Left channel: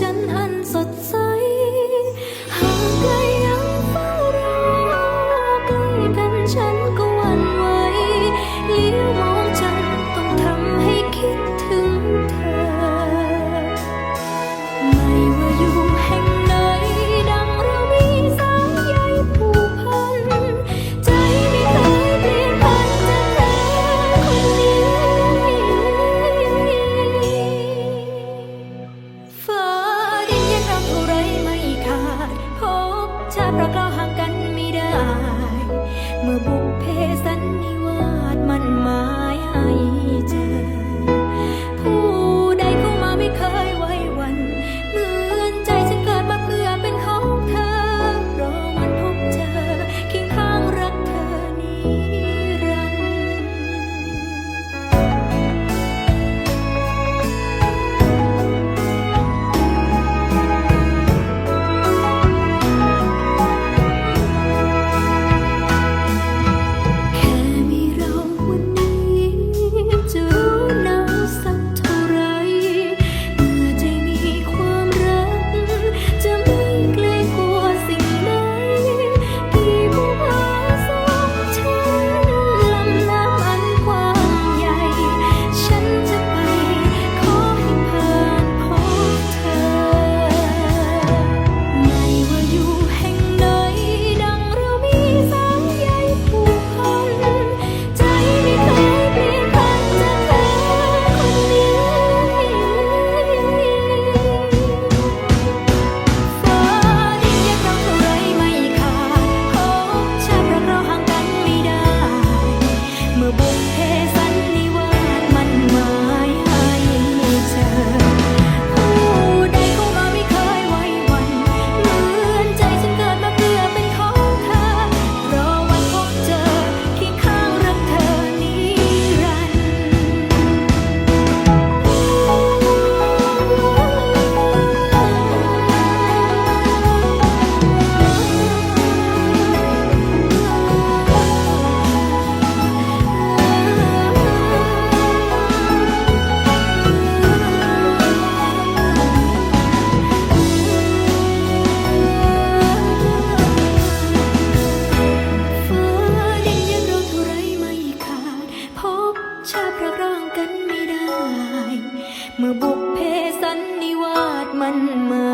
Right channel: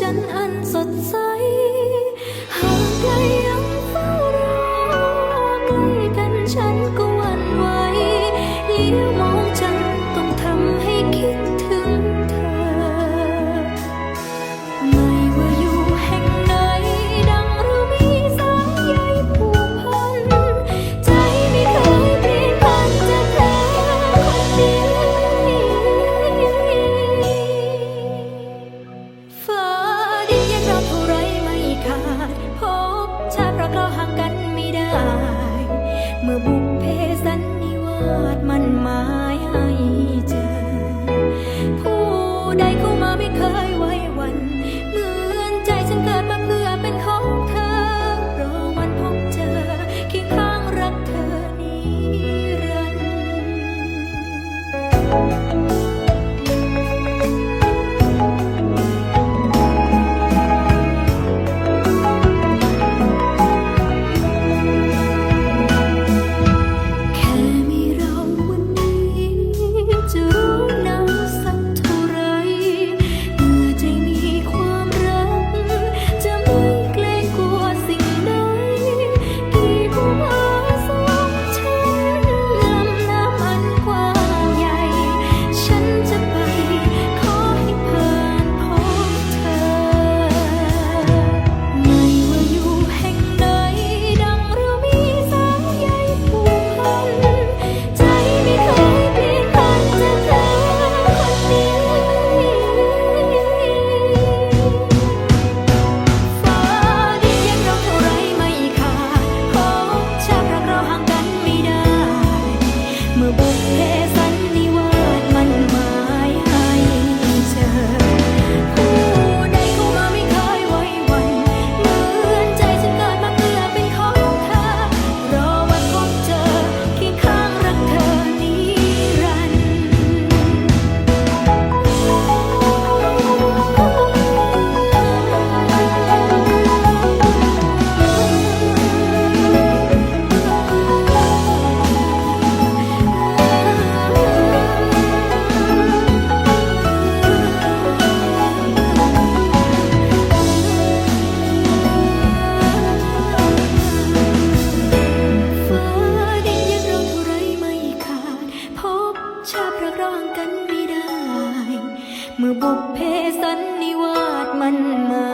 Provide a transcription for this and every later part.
จันทร์อันสดใสห่างไกลยังเฝ้ารอใกล้กันฉันก็วันไหวเลี้ยวมองจันทร์ต้องทำให้คิด รักเราห่างกันไม่ได้ เมื่อบุกเพ ชาพระร่างกันไม่ได้ เมื่อบุพเพสันนิวาสมันมา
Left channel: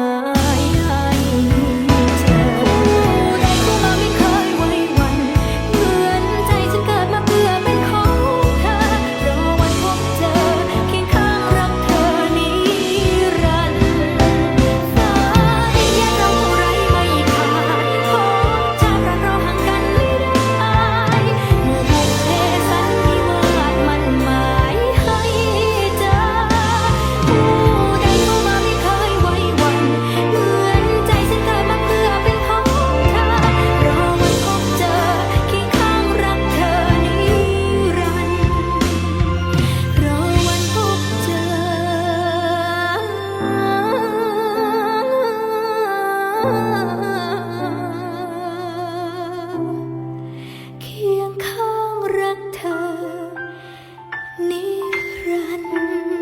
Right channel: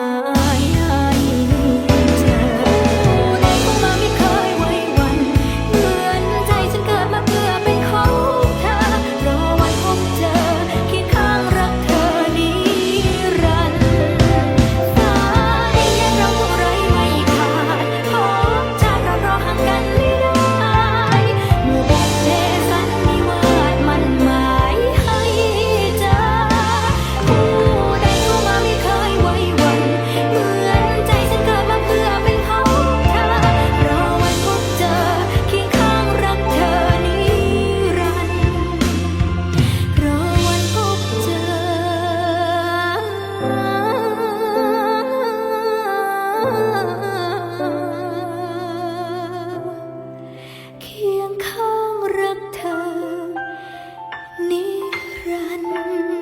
รัน